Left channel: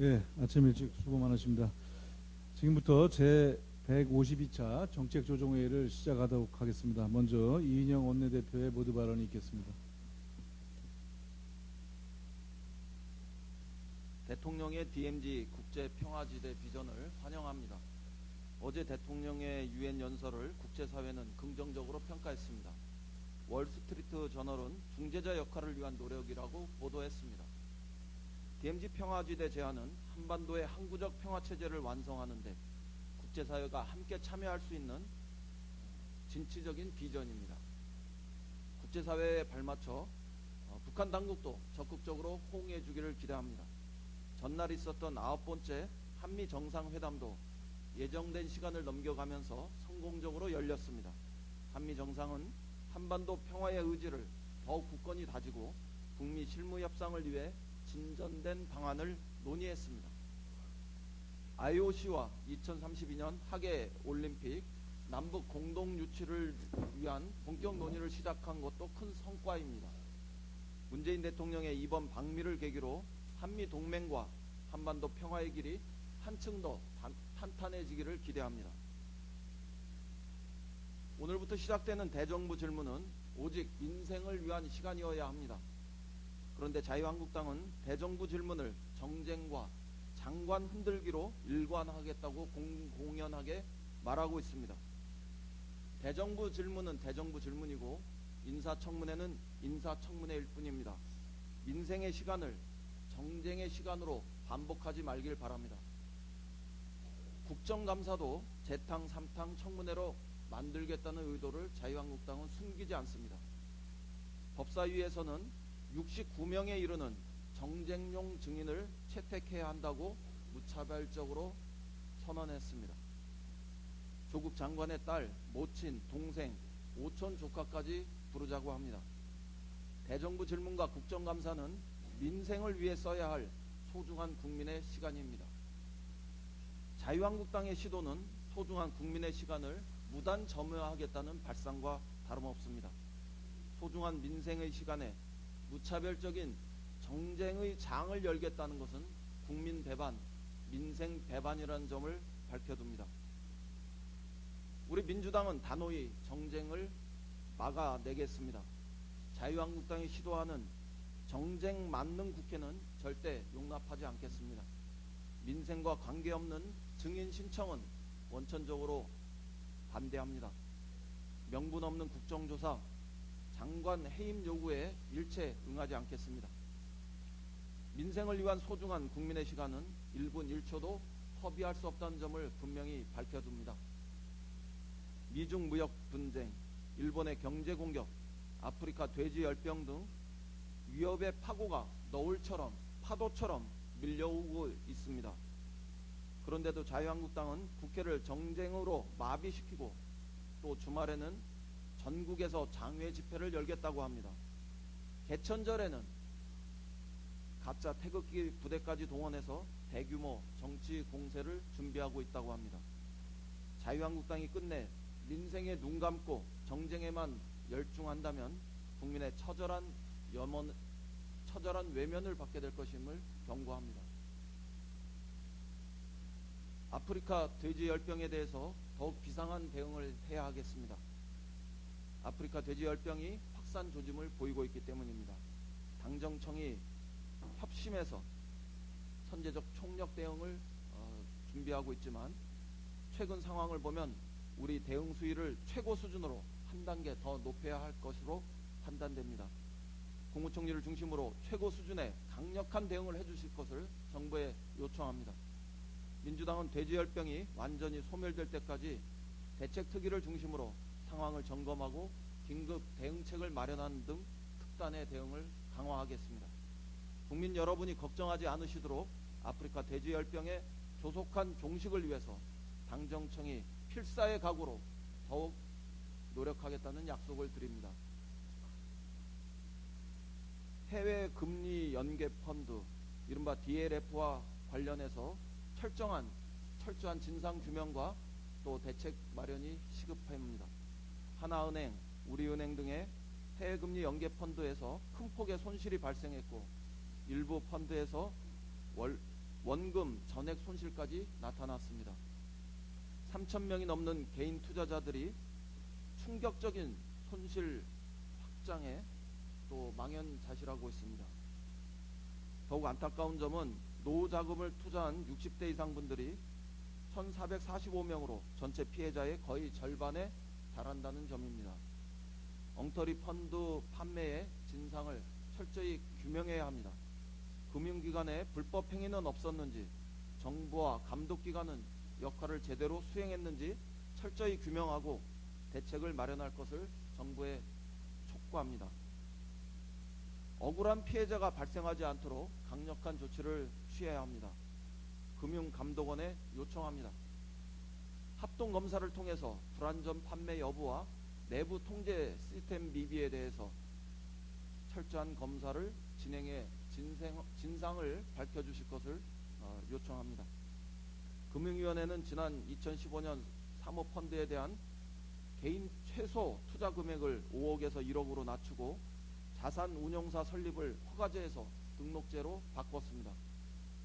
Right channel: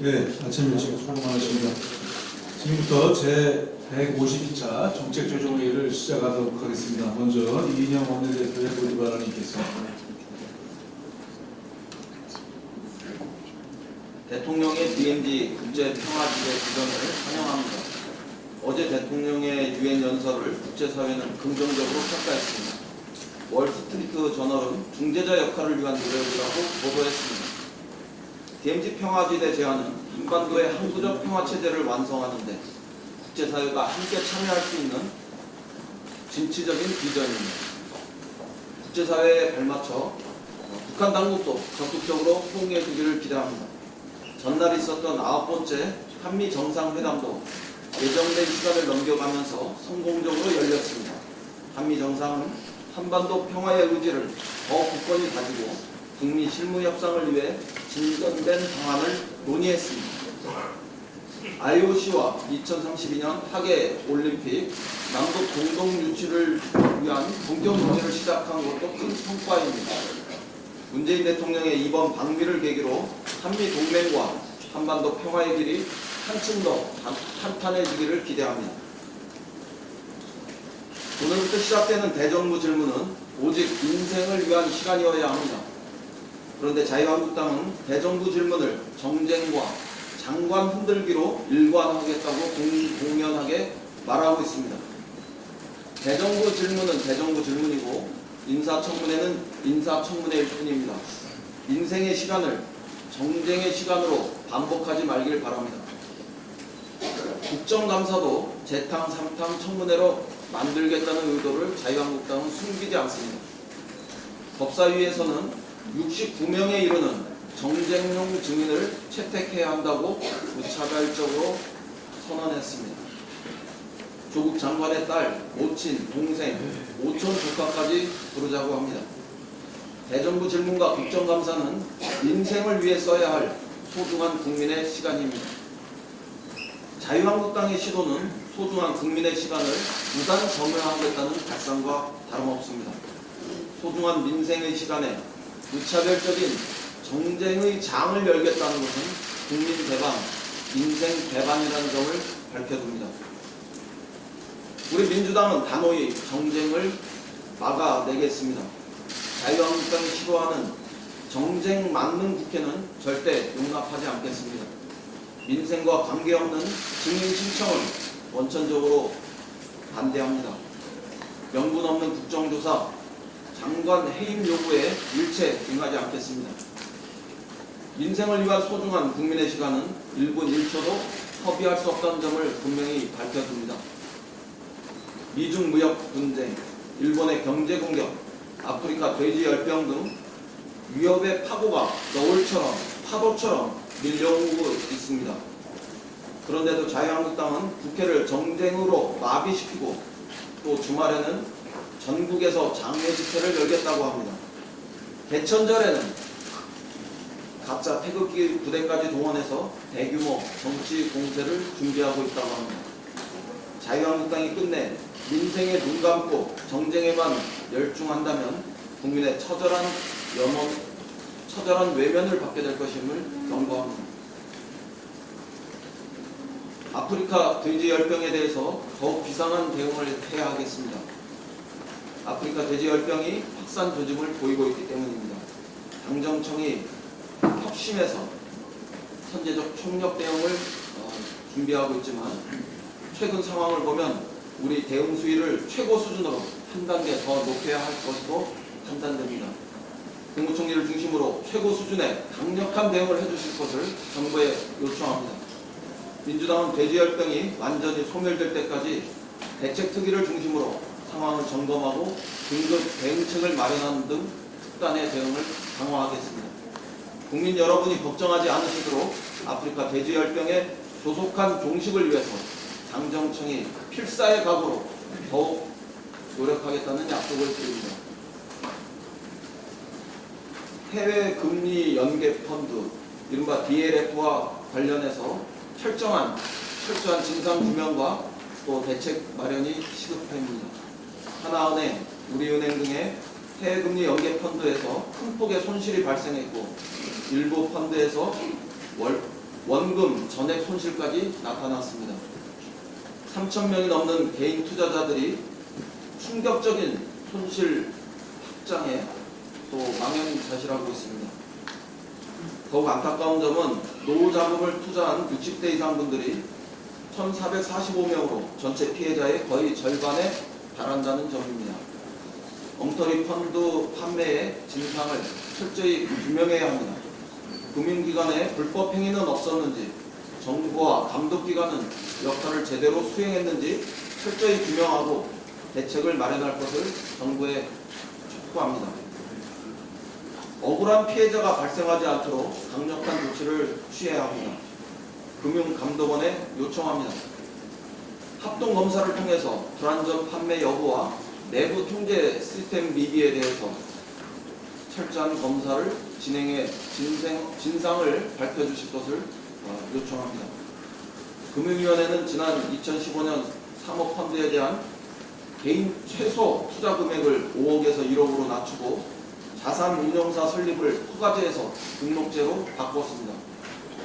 네, 아침 일찍 수고 많으십니다. 지금부터 제152차 정책조정회의를 시작하도록 하겠습니다. 먼저 이인영 원내대표의 논의 발언이 있겠습니다. 대통령의 DMZ 국제평화지대 지정을 환영합니다. 어제 대통령의 유엔 연설을 국제사회는 긍정적으로 평가했습니다. 월스트리트 저널은 중재자 역할을 위한 노력이라고 보도했습니다. DMZ 평화지대 제안은 한반도의 항구적 평화체제를 완성하는데 국제사회가 함께 참여할 수 있는 진취적인 비전입니다. 국제사회에 발맞춰 북한 당국도 적극적으로 호응해 주기를 기대합니다. 전날 있었던 9번째 한미 정상회담도 예정된 시간을 넘겨가면서 성공적으로 열렸습니다. 한미 정상은 한반도 평화의 의지를 더 굳건히 가지고 북미 실무 협상을 위해 진전된 방안을 논의했습니다. IOC와 2032년 하계 올림픽 남북 공동 유치를 위한 본격 논의를 시작한 것도 큰 성과입니다. 문재인 대통령의 이번 방미를 계기로 한미 동맹과 한반도 평화의 길이 한층 더 탄탄해지기를 기대합니다. 오늘부터 시작되는 대정부 질문은 오직 민생을 위한 시간이어야 합니다. 그런데 자유한국당은 대정부 질문을 정쟁과 장관 흔들기로 일관하겠다고 공연하게 말하고 있습니다. 대정부 질문은 대정부 질문이고 인사청문회는 인사청문회일 뿐입니다. 민생의 시간을 정쟁의 시간으로 반복하지 말길 바랍니다. 국정감사도 재탕, 삼탕, 청문회로 만들겠다는 의도를 자유한국당은 숨기지 않습니다. 법사위에서는 69명에 이르는 정쟁용 증인을 채택해야 한다고 무차별적으로 선언했습니다. 조국 장관의 딸, 모친, 동생, 오촌 조카까지 부르자고 합니다. 대정부 질문과 국정감사는 민생을 위해 써야 할 소중한 국민의 시간입니다. 자유한국당의 시도는 소중한 국민의 시간을 무단 점유하겠다는 발상과 다름없습니다. 소중한 민생의 시간에 무차별적인 정쟁의 장을 열겠다는 것은 국민 배반, 민생 배반이라는 점을 밝혀둡니다. 우리 민주당은 단호히 정쟁을 막아내겠습니다. 자유한국당이 시도하는 정쟁 막는 국회는 절대 용납하지 않겠습니다. 민생과 관계없는 증인 신청을 원천적으로 반대합니다. 명분 없는 국정조사, 장관 해임 요구에 일체 응하지 않겠습니다. 민생을 위한 소중한 국민의 시간은 1분 1초도 허비할 수 없다는 점을 분명히 밝혀줍니다. 미중 무역 분쟁, 일본의 경제 공격, 아프리카 돼지 열병 등 위협의 파고가 너울처럼 파도처럼 밀려오고 있습니다. 그런데도 자유한국당은 국회를 정쟁으로 마비시키고 또 주말에는 전국에서 장외 집회를 열겠다고 합니다. 대천절에는 가짜 태극기 부대까지 동원해서 대규모 정치 공세를 준비하고 있다고 합니다. 자유한국당이 끝내 민생에 눈 감고 정쟁에만 열중한다면 국민의 처절한 외면을 받게 될 것임을 경고합니다. 아프리카 돼지 열병에 대해서 더욱 비상한 대응을 해야 하겠습니다. 아프리카 돼지 열병이 확산 조짐을 보이고 있기 때문입니다. 당정청이 협심해서 선제적 총력 대응을 준비하고 있지만 최근 상황을 보면 우리 대응 수위를 최고 수준으로 한 단계 더 높여야 할 것으로 판단됩니다. 국무총리를 중심으로 최고 수준의 강력한 대응을 해주실 것을 정부에 요청합니다. 민주당은 돼지열병이 완전히 소멸될 때까지 대책특위를 중심으로 상황을 점검하고 긴급 대응책을 마련하는 등 특단의 대응을 강화하겠습니다. 국민 여러분이 걱정하지 않으시도록 아프리카 돼지열병의 조속한 종식을 위해서 당정청이 필사의 각오로 더욱 노력하겠다는 약속을 드립니다. 해외 금리 연계 펀드, 이른바 DLF와 관련해서 철저한 진상 규명과 또 대책 마련이 시급합니다. 하나은행, 우리은행 등의 해외금리 연계 펀드에서 큰 폭의 손실이 발생했고 일부 펀드에서 원금 전액 손실까지 나타났습니다. 3,000명이 넘는 개인 투자자들이 충격적인 손실 확장에 또 망연자실하고 있습니다. 더욱 안타까운 점은 노후 자금을 투자한 60대 이상 분들이 1,445명으로 전체 피해자의 거의 절반에 달한다는 점입니다. 엉터리 펀드 판매의 진상을 철저히 규명해야 합니다. 금융기관의 불법 행위는 없었는지, 정부와 감독기관은 역할을 제대로 수행했는지 철저히 규명하고 대책을 마련할 것을 정부에 촉구합니다. 억울한 피해자가 발생하지 않도록 강력한 조치를 취해야 합니다. 금융감독원에 요청합니다. 합동검사를 통해서 불안전 판매 여부와 내부 통제 시스템 미비에 대해서 철저한 검사를 진행해 진상을 밝혀주실 것을 요청합니다. 금융위원회는 지난 2015년 사모펀드에 대한 개인 최소 투자 금액을 5억에서 1억으로 낮추고 자산운용사 설립을 허가제에서 등록제로 바꿨습니다.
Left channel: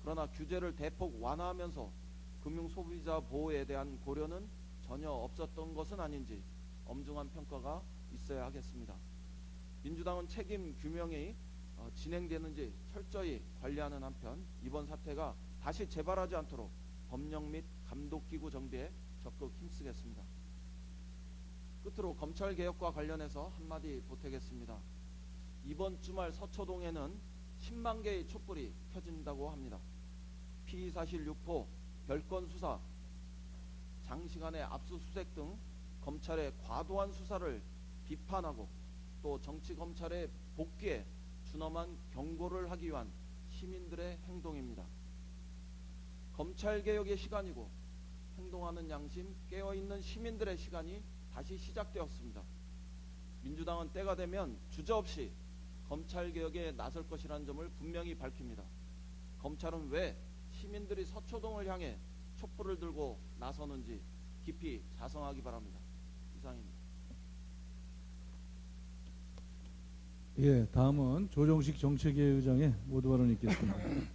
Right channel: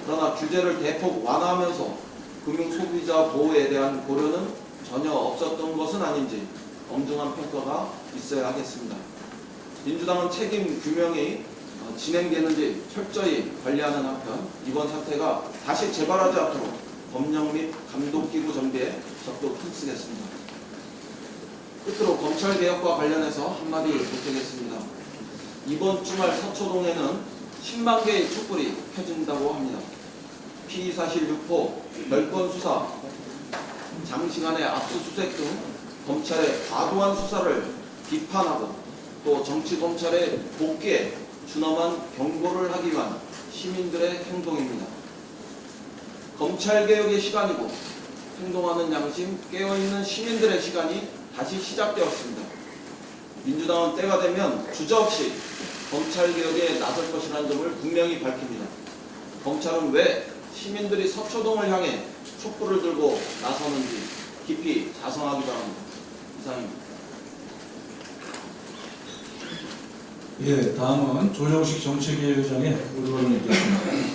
그러나 규제를 대폭 완화하면서 금융소비자 보호에 대한 고려는 전혀 없었던 것은 아닌지 엄중한 평가가 있어야 하겠습니다. 민주당은 책임 규명이 진행되는지 철저히 관리하는 한편 이번 사태가 다시 재발하지 않도록 법령 및 감독기구 정비에 적극 힘쓰겠습니다. 끝으로 검찰개혁과 관련해서 한마디 보태겠습니다. 이번 주말 서초동에는 10만 개의 촛불이 켜진다고 합니다. 피의사실 유포, 별건 수사, 장시간의 압수수색 등 검찰의 과도한 수사를 비판하고 또 정치검찰의 복귀에 준엄한 경고를 하기 위한 시민들의 행동입니다. 검찰개혁의 시간이고 행동하는 양심, 깨어있는 시민들의 시간이 다시 시작되었습니다. 민주당은 때가 되면 주저없이 검찰개혁에 나설 것이라는 점을 분명히 밝힙니다. 검찰은 왜 시민들이 서초동을 향해 촛불을 들고 나서는지 깊이 자성하기 바랍니다. 이상입니다. 예, 다음은 조정식 정책위의장의 의견을 읽겠습니다.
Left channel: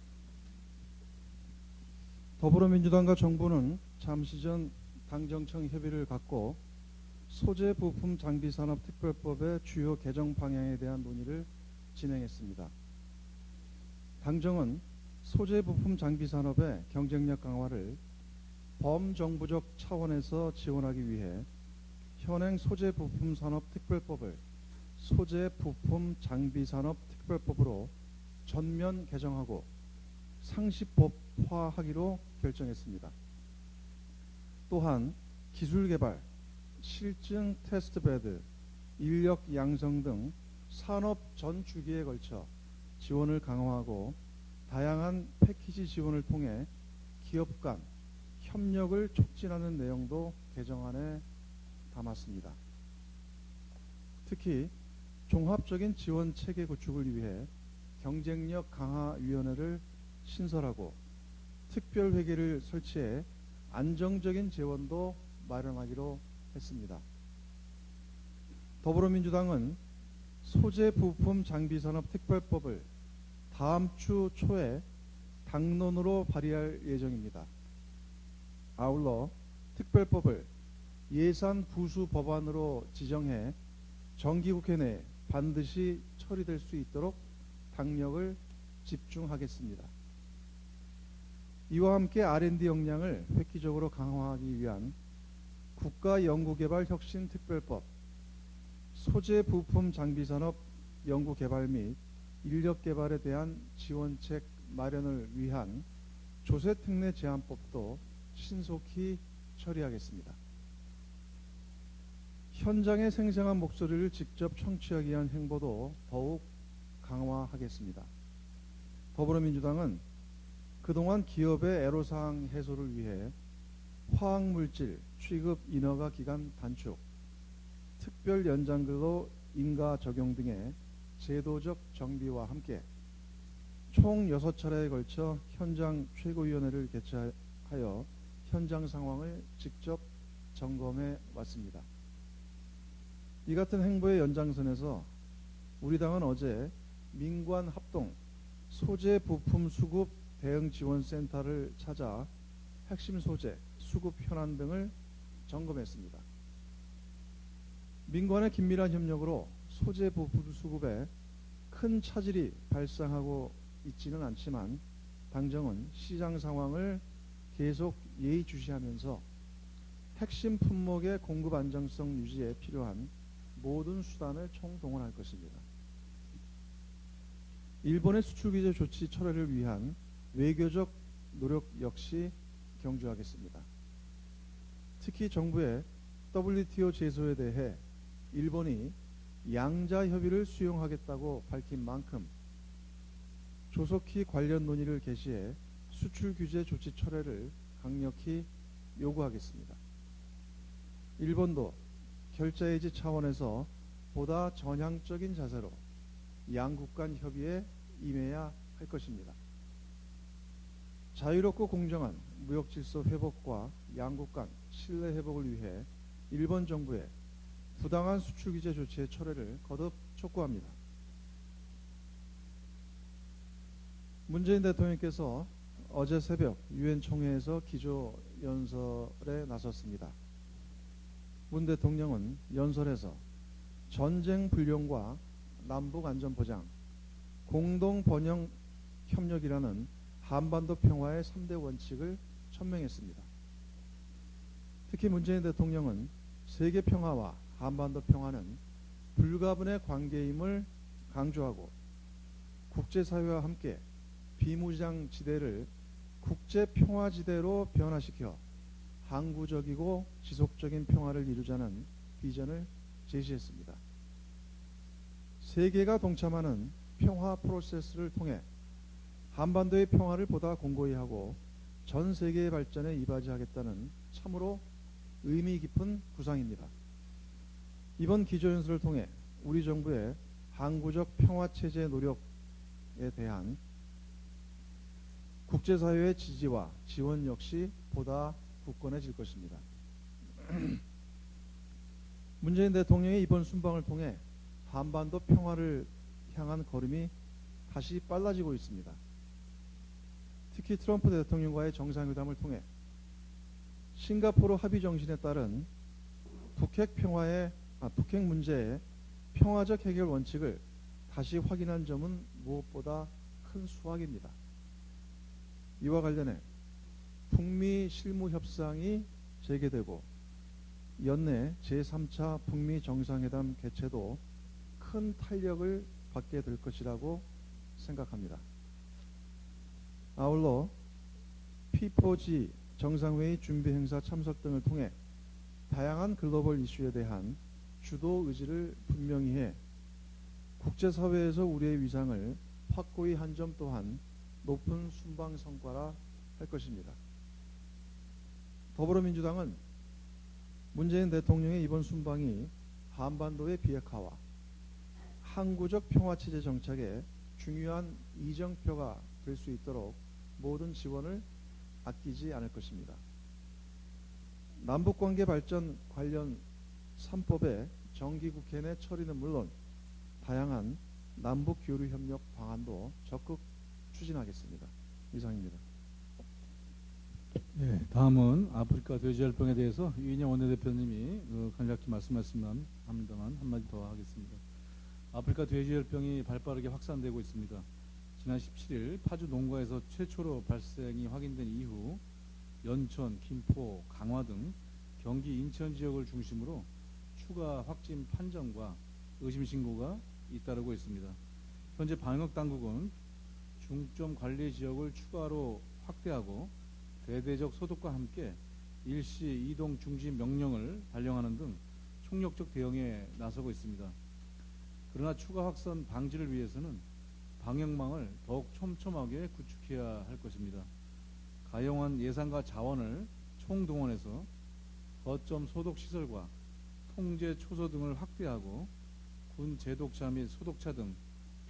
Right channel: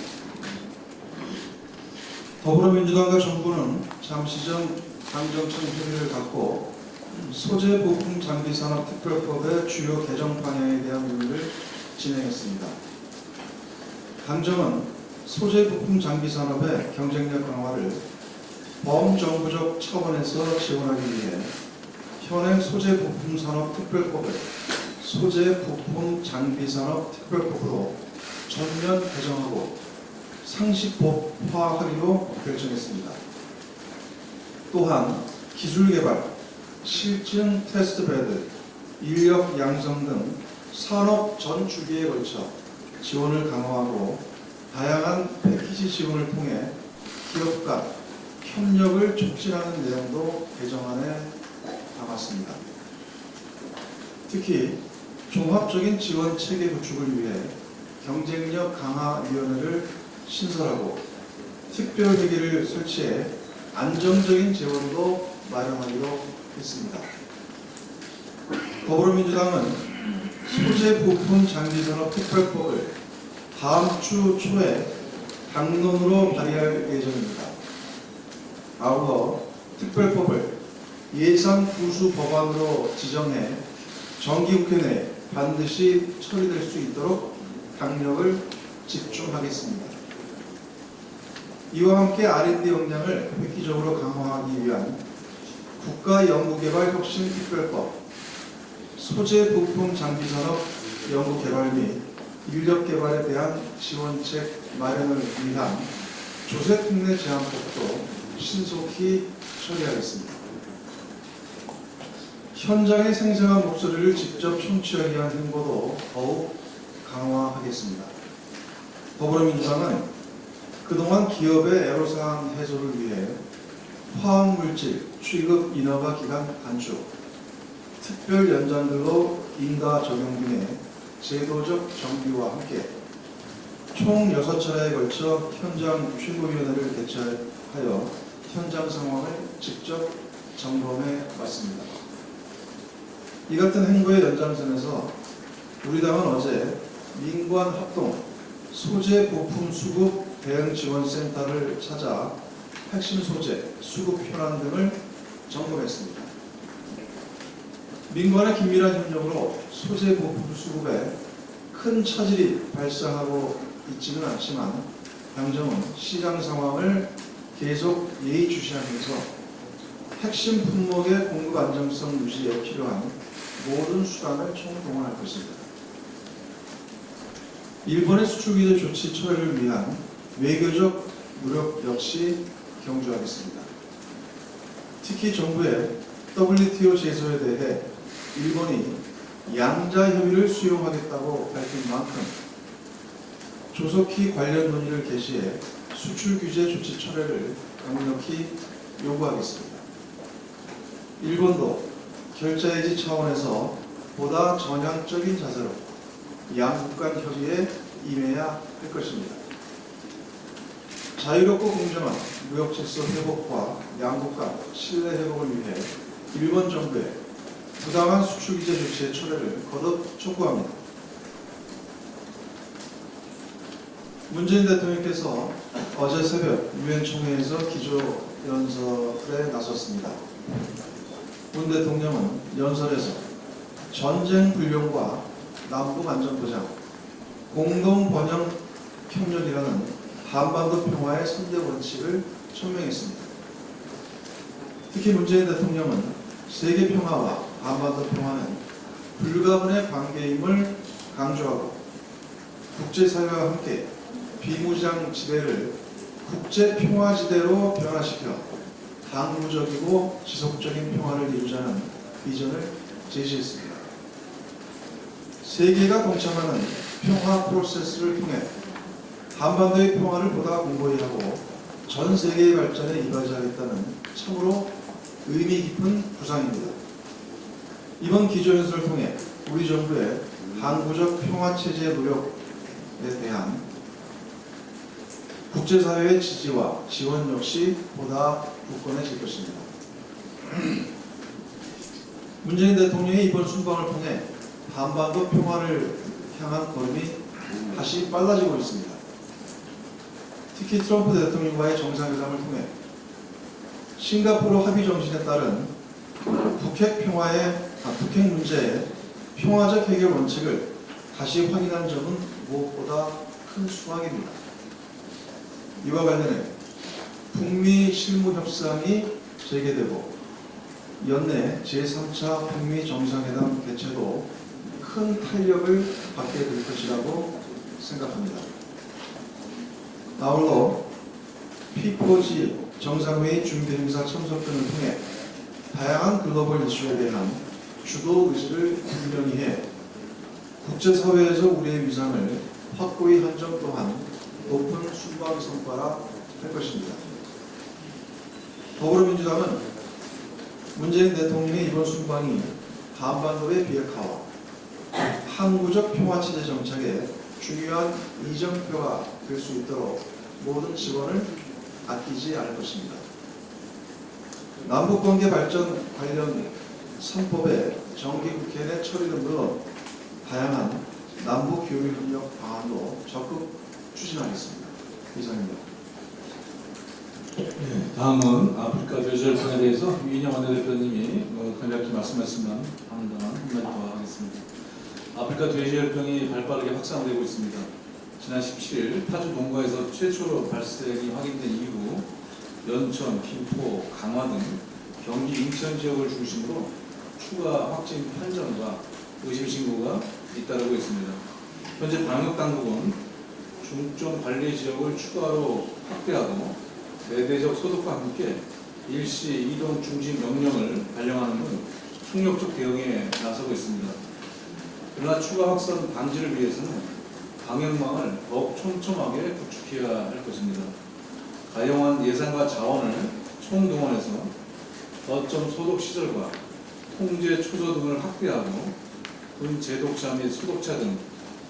더불어민주당과 정부는 잠시 전 당정청 협의를 갖고 소재 부품 장비 산업 특별법의 주요 개정 방향에 대한 논의를 진행했습니다. 당정은 소재 부품 장비 산업의 경쟁력 강화를 범정부적 차원에서 지원하기 위해 현행 소재 부품 산업 특별법을 소재 부품 장비 산업 특별법으로 전면 개정하고 상시법화하기로 결정했습니다. 또한 기술 개발, 실증 테스트베드, 인력 양성 등 산업 전 주기에 걸쳐 지원을 강화하고 다양한 패키지 지원을 통해 기업 간 협력을 촉진하는 내용도 개정안에 담았습니다. 특히 종합적인 지원 체계 구축을 위해 경쟁력 강화위원회를 신설하고 특별회계를 설치해 안정적인 재원도 마련하기로 했습니다. 더불어민주당은 소재 부품 장비 산업 특별법을 다음 주 초에 당론으로 발의할 예정입니다. 아울러 특별법을 예산 부수 법안으로 지정해 정기국회 내 반드시 처리될 수 있도록 강력을 집중하겠습니다. 이와 함께 R&D 역량을 획기적으로 강화하기 위한 국가연구개발혁신특별법, 소재 부품 장비산업 연구개발 및 인력개발에 대한 지원책 마련을 위한 조세특례 제한법도 신속히 처리하겠습니다. 현장의 생생한 목소리를 직접 청취하기 위한 홍보도 더욱 강화하겠습니다. 더불어민주당은 그동안 기업의 애로사항 해소를 위해 화학물질 취급 인허가 기간 단축, 특별 연장들로 인가 적용 등의 제도적 정비와 함께 총 6차례에 걸쳐 현장 최고위원회를 개최하여 현장 상황을 직접 점검해 왔습니다. 이 같은 행보의 연장선에서 우리 당은 어제 민관 합동 소재 부품 수급 대응 지원센터를 찾아 핵심 소재, 수급 현안 등을 점검했습니다. 민관의 긴밀한 협력으로 소재 부품 수급에 큰 차질이 발생하고 있지는 않지만 당정은 시장 상황을 계속 예의주시하면서 핵심 품목의 공급 안정성 유지에 필요한 모든 수단을 총동원할 것입니다. 일본의 수출규제 조치 처리를 위한 외교적 노력 역시 경주하겠습니다. 특히 정부의 WTO 제소에 대해 일본이 양자 협의를 수용하겠다고 밝힌 만큼 조속히 관련 논의를 개시해 수출 규제 조치 철회를 강력히 요구하겠습니다. 일본도 결자해지 차원에서 보다 전향적인 자세로 양국 간 협의에 임해야 할 것입니다. 자유롭고 공정한 무역 질서 회복과 양국 간 신뢰 회복을 위해 일본 정부의 부당한 수출 규제 조치의 철회를 거듭 촉구합니다. 문재인 대통령께서 어제 새벽 유엔 총회에서 기조연설에 나섰습니다. 문 대통령은 연설에서 전쟁 불령과 남북 안전 보장, 공동 번영 협력이라는 한반도 평화의 3대 원칙을 천명했습니다. 특히 문재인 대통령은 세계 평화와 한반도 평화는 불가분의 관계임을 강조하고 국제사회와 함께 비무장 지대를 국제 평화 지대로 변화시켜 항구적이고 지속적인 평화를 이루자는 비전을 제시했습니다. 세계가 동참하는 평화 프로세스를 통해 한반도의 평화를 보다 공고히 하고 전 세계의 발전에 이바지하겠다는 참으로 의미 깊은 구상입니다. 이번 기조연설을 통해 우리 정부의 항구적 평화체제 노력에 대한 국제사회의 지지와 지원 역시 보다 굳건해질 것입니다. 문재인 대통령의 이번 순방을 통해 한반도 평화를 향한 걸음이 다시 빨라지고 있습니다. 특히 트럼프 대통령과의 정상회담을 통해 싱가포르 합의 정신에 따른 북핵 문제의 평화적 해결 원칙을 다시 확인한 점은 무엇보다 큰 수확입니다. 이와 관련해 북미 실무 협상이 재개되고 연내 제3차 북미 정상회담 개최도 큰 탄력을 받게 될 것이라고 생각합니다. 아울러 P4G 정상회의 준비 행사 참석 등을 통해 다양한 글로벌 이슈에 대한 주도 의지를 분명히 해 국제사회에서 우리의 위상을 확고히 한 점 또한 높은 순방 성과라 할 것입니다. 더불어민주당은 문재인 대통령의 이번 순방이 한반도의 비핵화와 항구적 평화체제 정착에 중요한 이정표가 될 수 있도록 모든 지원을 아끼지 않을 것입니다. 남북관계 발전 관련 3법의 정기국회 내 처리는 물론 다양한 남북 교류 협력 방안도 적극 추진하겠습니다. 이상입니다. 다음은 아프리카 돼지열병에 대해서 유인영 원내대표님이 간략히 말씀하시면 한마디 더 하겠습니다. 아프리카 돼지열병이 발빠르게 확산되고 있습니다. 지난 17일 파주 농가에서 최초로 발생이 확인된 이후 연천, 김포, 강화 등 경기 인천 지역을 중심으로 추가 확진 판정과 의심 신고가 잇따르고 있습니다. 현재 방역당국은 중점 관리 지역을 추가로 확대하고 내대적 소독과 함께 일시 이동 중지 명령을 발령하는 등 총력적 대응에 나서고 있습니다. 그러나 추가 확산 방지를 위해서는 방역망을 더욱 촘촘하게 구축해야 할 것입니다. 가용한 예산과 자원을 총동원해서 거점 소독 시설과 통제 초소 등을 확대하고 군 제독차 및 소독차 등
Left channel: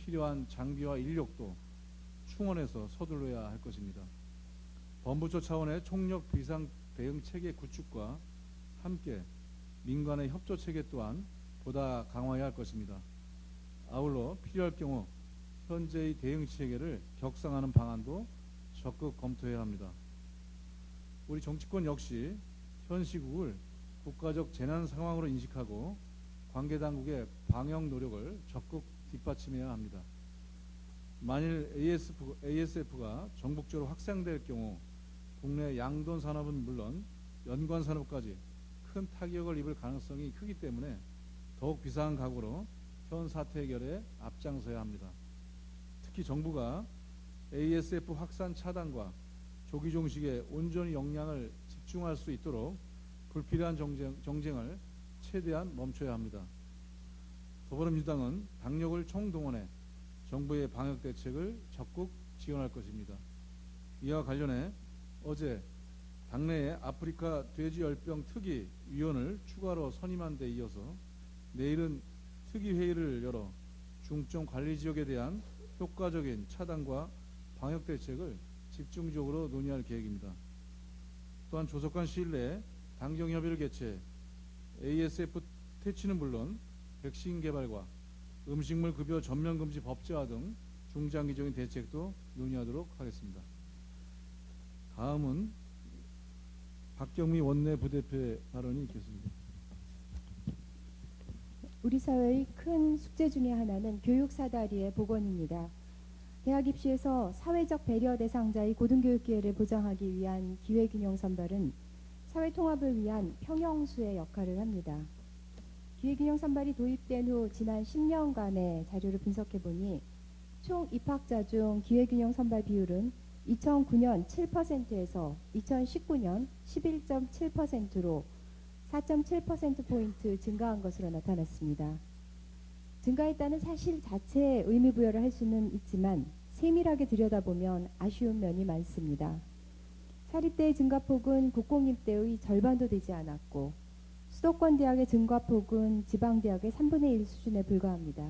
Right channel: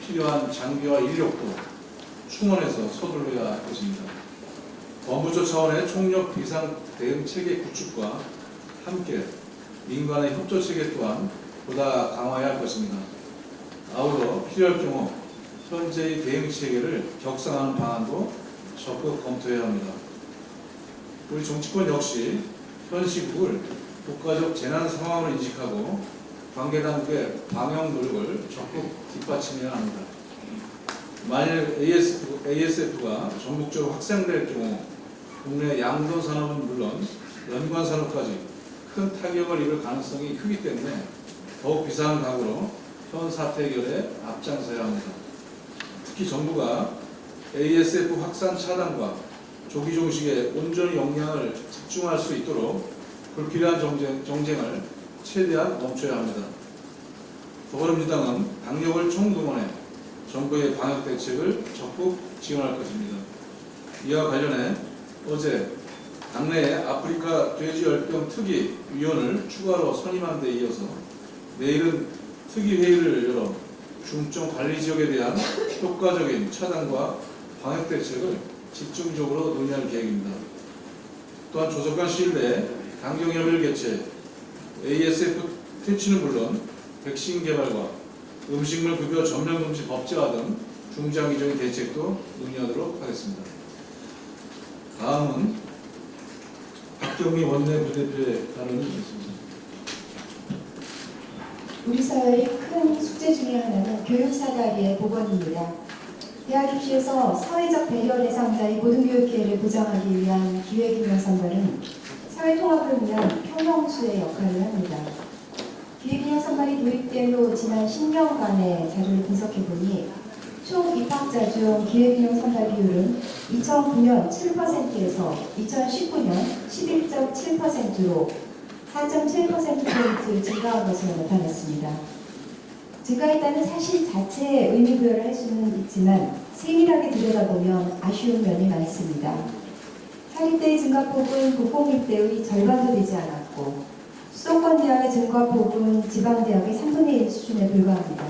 필요한 장비와 인력도 충원해서 서둘러야 할 것입니다. 범부처 차원의 총력 비상 대응 체계 구축과 함께 민간의 협조 체계 또한 보다 강화해야 할 것입니다. 아울러 필요할 경우 현재의 대응 체계를 격상하는 방안도 적극 검토해야 합니다. 우리 정치권 역시 현 시국을 국가적 재난 상황으로 인식하고 관계 단계의 방역 노력을 적극 뒷받침해야 합니다. 만일 ASF가 전국적으로 확산될 경우 국내 양도 산업은 물론 연관 산업까지 큰 타격을 입을 가능성이 크기 때문에 더욱 비상한 각오로 현 사태 해결에 앞장서야 합니다. 특히 정부가 ASF 확산 차단과 조기 종식에 온전히 역량을 집중할 수 있도록 불필요한 정쟁을 최대한 멈춰야 합니다. 더불어민주당은 당력을 총동원해 정부의 방역 대책을 적극 지원할 것입니다. 이와 관련해 어제 당내에 아프리카 돼지열병 특위 위원을 추가로 선임한 데 이어서 내일은 특위 회의를 열어 중점 관리 지역에 대한 효과적인 차단과 방역 대책을 집중적으로 논의할 계획입니다. 또한 조속한 시일 내에 강경협의를 개최 ASF 퇴치는 물론 백신 개발과 음식물 급여 전면 금지 법제화 등 중장기적인 대책도 논의하도록 하겠습니다. 다음은 박경미 원내부대표의 발언이 있겠습니다. 우리 사회의 큰 숙제 중에 하나는 교육 사다리의 복원입니다. 대학 입시에서 사회적 배려 대상자의 모든 교육 기회를 보장하기 위한 기회균형 선발은 사회 통합을 위한 평형수의 역할을 합니다. 기회균형 선발이 도입된 후 지난 10년간의 자료를 분석해보니 총 입학자 중 기회균형 선발 비율은 2009년 7%에서 2019년 11.7%로 4.7%포인트 증가한 것으로 나타났습니다. 증가했다는 사실 자체에 의미부여를 할 수는 있지만 세밀하게 들여다보면 아쉬운 면이 많습니다. 사립대의 증가폭은 국공립대의 절반도 되지 않았고 수도권 대학의 증가폭은 지방대학의 3분의 1 수준에 불과합니다.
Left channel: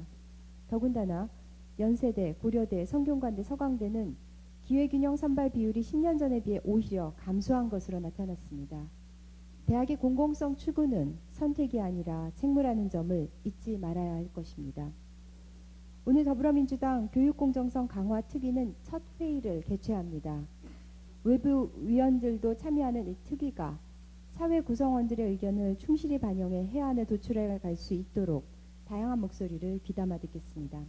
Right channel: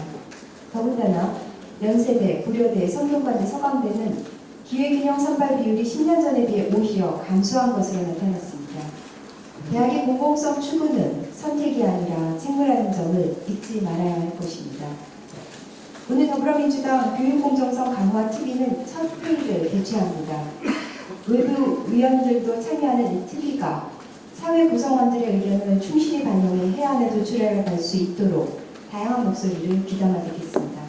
더군다나 연세대, 고려대, 성균관대, 서강대는 기회균형 선발 비율이 10년 전에 비해 오히려 감소한 것으로 나타났습니다. 대학의 공공성 추구는 선택이 아니라 책무라는 점을 잊지 말아야 할 것입니다. 오늘 더불어민주당 교육공정성 강화 TV는 첫 회의를 개최합니다. 외부 위원들도 참여하는 이 TV가 사회 구성원들의 의견을 충실히 반영해 해안에 도출해 갈 수 있도록 다양한 목소리를 귀담아드리겠습니다.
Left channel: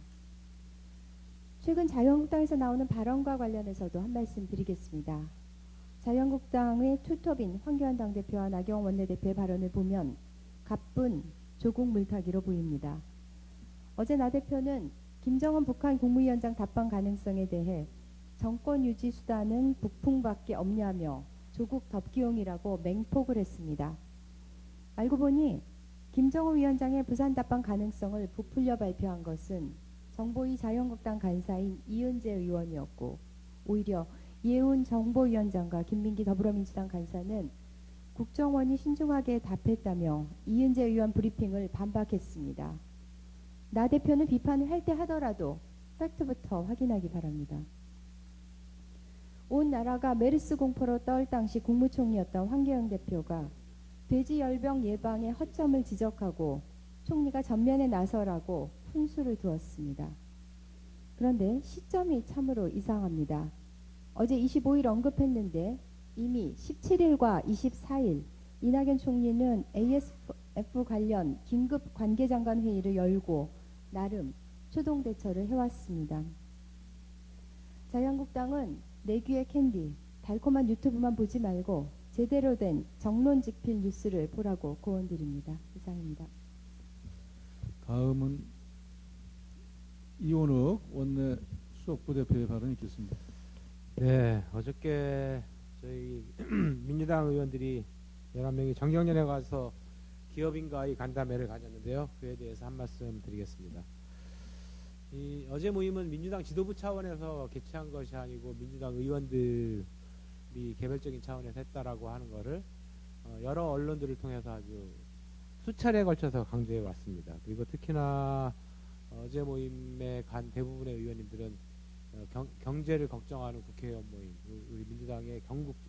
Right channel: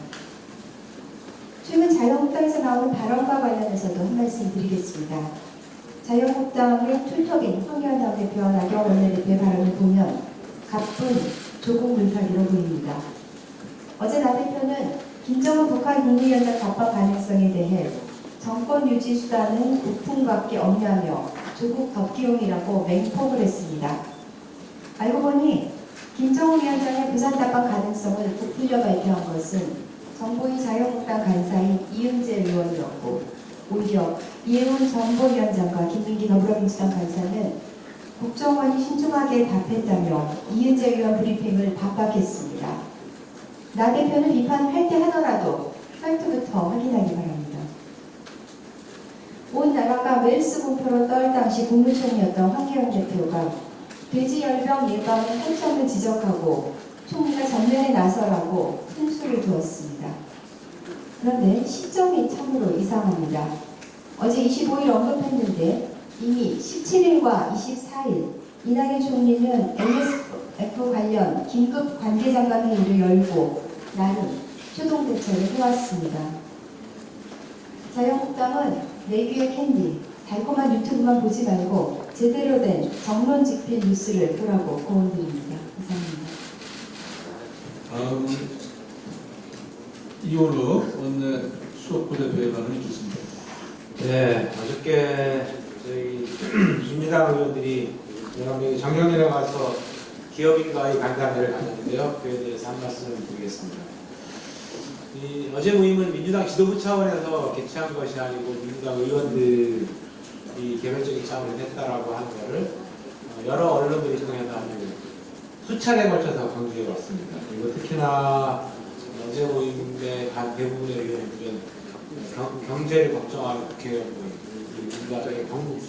최근 자유한국당에서 나온 발언과 관련해서도 한 말씀 드리겠습니다. 자유한국당의 툴터긴 황교안 당대표와 나경원 원내대표의 발언을 보면 가쁜 조국 물타기로 보입니다. 어제 나 대표는 김정은 북한 국무위원장 답방 가능성에 대해 정권 유지 수단은 부품밖에 없냐며 조국 덕기용이라고 맹폭을 했습니다. 알고 보니 김정은 위원장의 부산 답방 가능성을 부풀려 발표한 것은 정보위 자유한국당 간사인 이은재 의원이었고 오히려 이해훈 정보위원장과 김민기 더불어민주당 간사는 국정원이 신중하게 답했다며 이은재 의원 브리핑을 반박했습니다. 나 대표는 비판을 할 때 하더라도 팩트부터 확인하기 바랍니다. 온 나라가 웰스 공포로 떨 당시 국무총리였던 황교안 대표가 돼지열병 예방의 한점을 지적하고 총리가 전면에 나서라고 큰 수를 두었습니다. 그런데 시점이 참으로 이상합니다. 어제 25일 언급했는데 이미 17일과 24일 이낙연 총리는 NSF 관련 긴급 관계장관 회의를 열고 나름 초동 대처를 해왔습니다. 자유한국당은 내귀의 캔디, 달콤한 유튜브만 보지 말고 제대로 된 정론직필 뉴스를 보라고 고언드립니다. 감사합니다. 다음은 이호로 원내 수석부대표의 발언이 좋습니다. 네, 어저께 저희 민주당 의원들이 여러 명이 정경련에 와서 기업인과의 간담회를 가졌는데요. 그에 대해서 한 말씀을 드리겠습니다. 어제 모임은 민주당 지도부 차원에서 개최한 것이 아니고 민주당 의원들이 개별적인 차원에서 했다라고 하는 것을 여러 언론들이 통해서 아주 수차례 걸쳐서 강조해 왔습니다. 그리고 특히나 어제 모임에 간 대부분의 의견을 보면 경제를 걱정하는 국회의원 민주당의 경북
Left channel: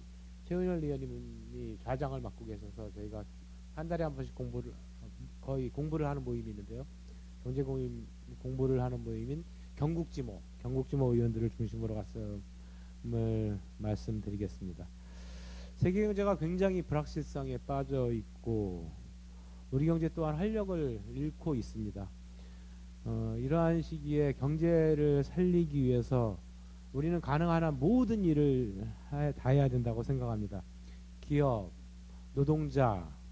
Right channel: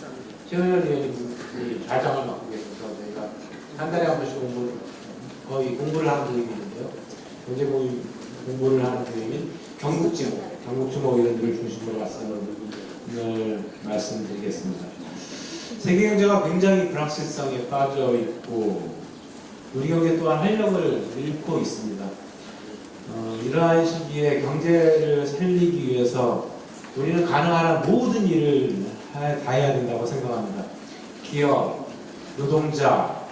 최은현 의원이 좌장을 맡고 계셔서 저희가 한 달에 한 번씩 거의 공부를 하는 교육인데요. 경제 공부를 하는 교육인 경국지목 이런 중심으로 오늘 말씀드리겠습니다. 세계 경제가 굉장히 불확실성에 빠져 있고 우리 경제 또한 활력을 잃고 있습니다. 이러한 시기에 경제를 살리기 위해서 우리는 가능한 모든 일을 다 해야 된다고 생각합니다. 기업, 노동자,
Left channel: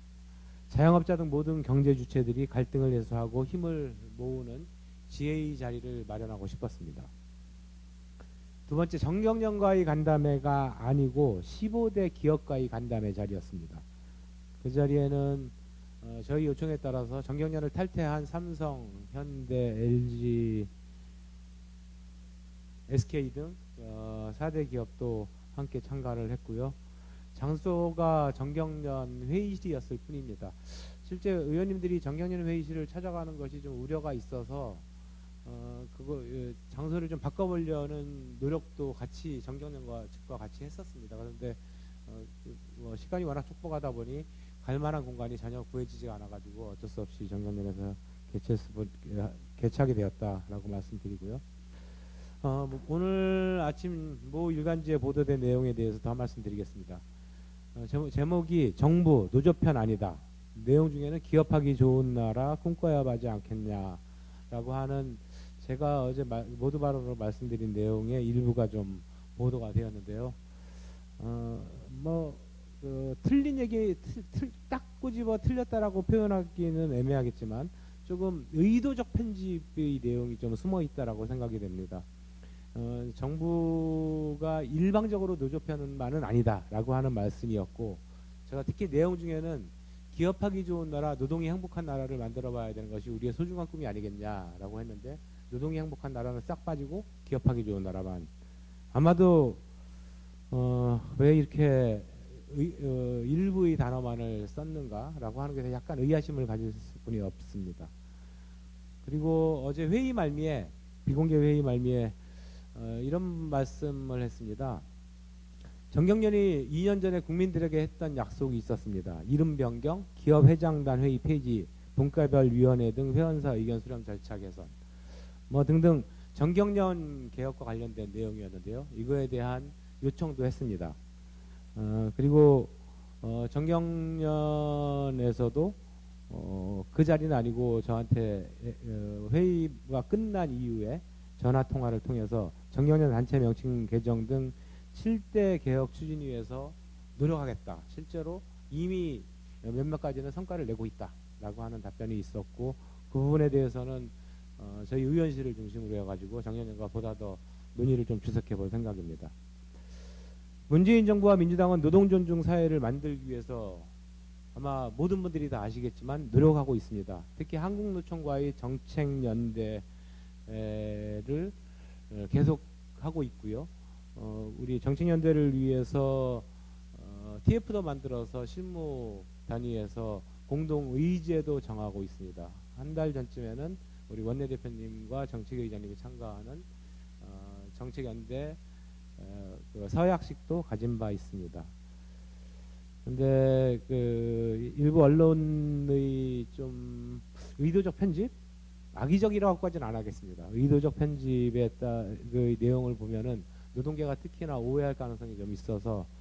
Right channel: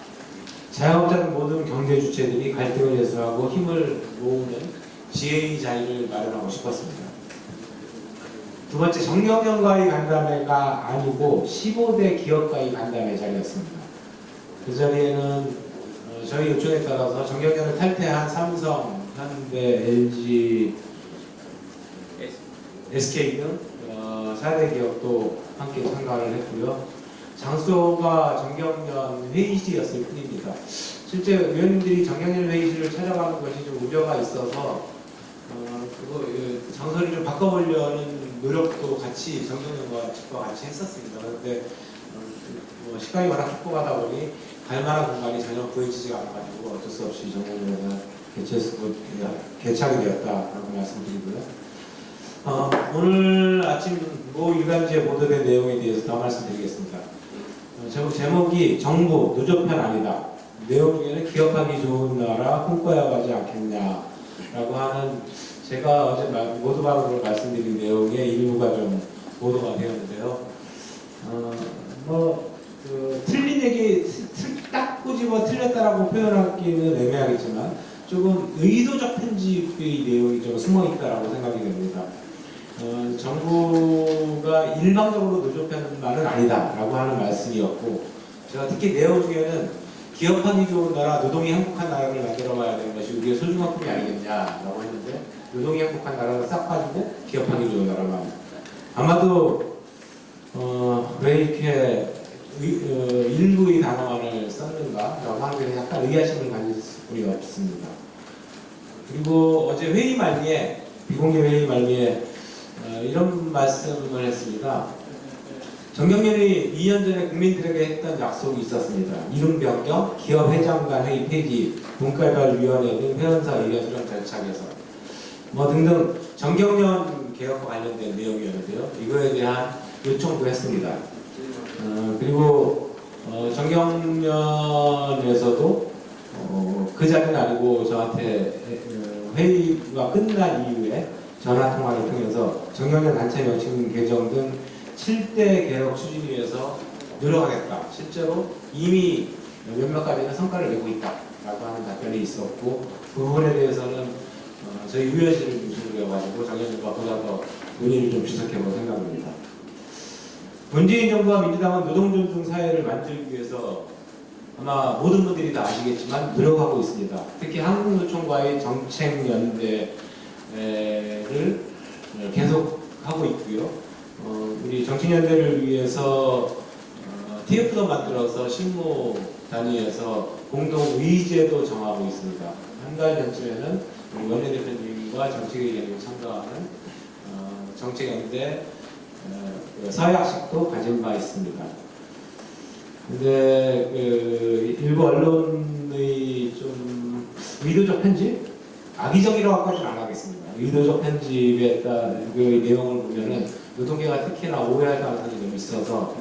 자영업자 등 모든 경제 주체들이 갈등을 해소하고 힘을 모으는 지혜의 자리를 마련하고 싶었습니다. 두 번째, 정경련과의 간담회가 아니고 15대 기업과의 간담회 자리였습니다. 그 자리에는 저희 요청에 따라서 정경련을 탈퇴한 삼성, 현대, LG, SK 등 4대 기업도 함께 참가를 했고요. 장소가 정경련 회의실이었을 뿐입니다. 실제 의원님들이 정경련 회의실을 찾아가는 것이 좀 우려가 있어서 장소를 좀 바꿔보려는 노력도 같이 정경련과 측과 같이 했었습니다. 그런데 시간이 워낙 촉박하다 보니 갈만한 공간이 전혀 보여지지가 않아가지고 어쩔 수 없이 정경련에서 개최하게 되었다라고 말씀드리고요. 오늘 아침 모 일간지에 보도된 내용에 대해서 더 말씀드리겠습니다. 제목이 정부 노조편 아니다. 내용 중에는 기업하기 좋은 나라 꿈꿔야 하지 않겠냐라고 하는 제가 어제 모두방으로 말씀드린 내용의 일부가 좀 보도가 되었는데요. 틀린 얘기 딱 꼬집어 틀렸다라고 표현하기는 애매하겠지만 조금 의도적 편집의 내용이 좀 숨어 있다라고 생각이 됩니다. 정부가 일방적으로 노조편만은 아니다라고 하는 말씀이었고, 제가 특히 내용 중에는 기업하기 좋은 나라, 노동이 행복한 나라를 만들어가야 되는 것이 우리의 소중한 꿈이 아니겠냐라고 했는데, 노동이 행복한 나라를 싹 빠지고 기업하기 좋은 나라만. 아마도 왜 이렇게 일부의 단어만을 썼는가라고 하는 데 약간 의아심을 가질 수밖에 없습니다. 그리고 어제 회의 말미에, 비공개 회의 말미에 이런 말씀을 했습니다. 정경련이 2년 전에 국민들에게 했던 약속이 있었습니다. 이름 변경, 기업 회장 간 회의 폐지, 분과발위원회 등 회원사 의견 수렴 절차 개선 등등 정경련 개혁과 관련된 내용이었는데요. 이거에 대한 요청도 했습니다. 그리고 정경련에서도 그 자리는 아니고 저한테 회의가 끝난 이후에 전화 통화를 통해서 정경련 단체 명칭 개정 등 7대 개혁 추진 위해서 노력하겠다. 실제로 이미 몇몇 가지는 성과를 내고 있다라고 하는 답변이 있었고, 그 부분에 대해서는 저희 의회실을 중심으로 해가지고 정경련과 보다 더 논의를 좀 지속해볼 생각입니다. 문재인 정부와 민주당은 노동 존중 사회를 만들기 위해서 아마 모든 분들이 다 아시겠지만 노력하고 있습니다. 특히 한국노총과의 정책연대를 계속하고 있고요. 우리 정책연대를 위해서 TF도 만들어서 실무 단위에서 공동 의제도 정하고 있습니다. 한 달 전쯤에는 우리 원내대표님과 정책의견에 참가하는 정책연대 서약식도 가진 바 있습니다. 근데 일부 언론의 좀 의도적 편집? 악의적이라고까지는 안 하겠습니다. 의도적 편집에 따른 그 내용을 보면은 노동계가 특히나 오해할 가능성이 좀 있어서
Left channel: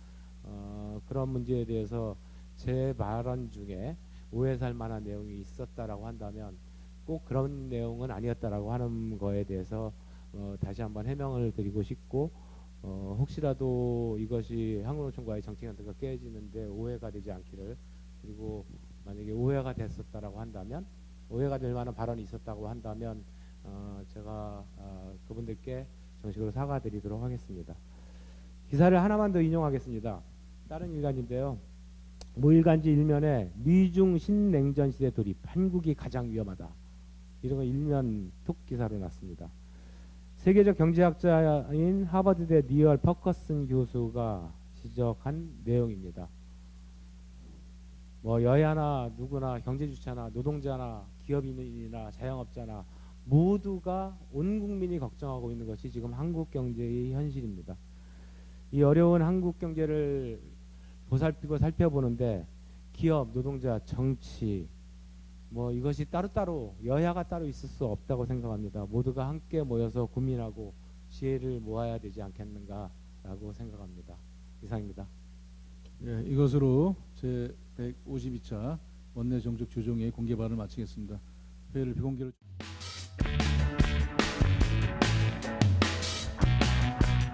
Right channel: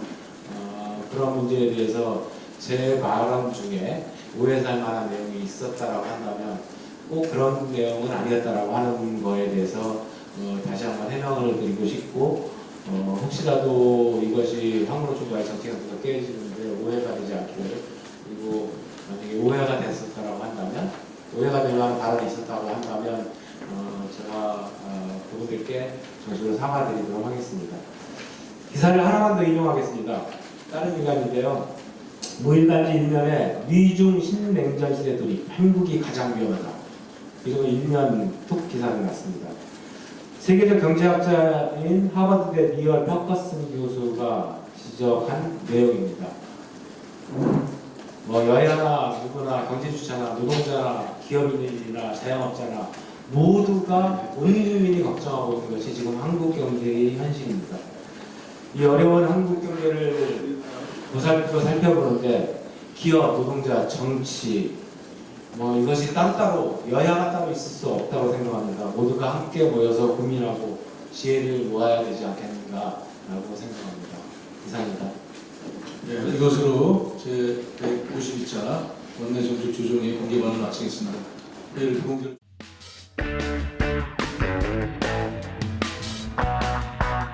그런 문제에 대해서 제 발언 중에 오해살 만한 내용이 있었다라고 한다면 꼭 그런 내용은 아니었다라고 하는 거에 대해서 다시 한번 해명을 드리고 싶고, 혹시라도 이것이 한국노총과의 정책에서 깨지는데 오해가 되지 않기를, 그리고 만약에 오해가 됐었다라고 한다면, 오해가 될 만한 발언이 있었다고 한다면 제가 그분들께 정식으로 사과드리도록 하겠습니다. 기사를 하나만 더 인용하겠습니다. 다른 기관인데요. 모일간지 1면에 미중 신냉전 시대 돌입, 한국이 가장 위험하다. 이런 1면 툭 기사를 났습니다. 세계적 경제학자인 하버드대 니얼 퍼커슨 교수가 지적한 내용입니다. 여야나 누구나 경제주체나 노동자나 기업인이나 자영업자나 모두가 온 국민이 걱정하고 있는 것이 지금 한국 경제의 현실입니다. 이 어려운 한국 경제를 보살펴보는데 기업, 노동자, 정치 이것이 따로따로 여야가 따로 있을 수 없다고 생각합니다. 모두가 함께 모여서 고민하고 지혜를 모아야 되지 않겠는가라고 생각합니다. 이상입니다. 네, 이것으로 제 192차 원내 정책 조정회 공개 발언을 마치겠습니다. 내일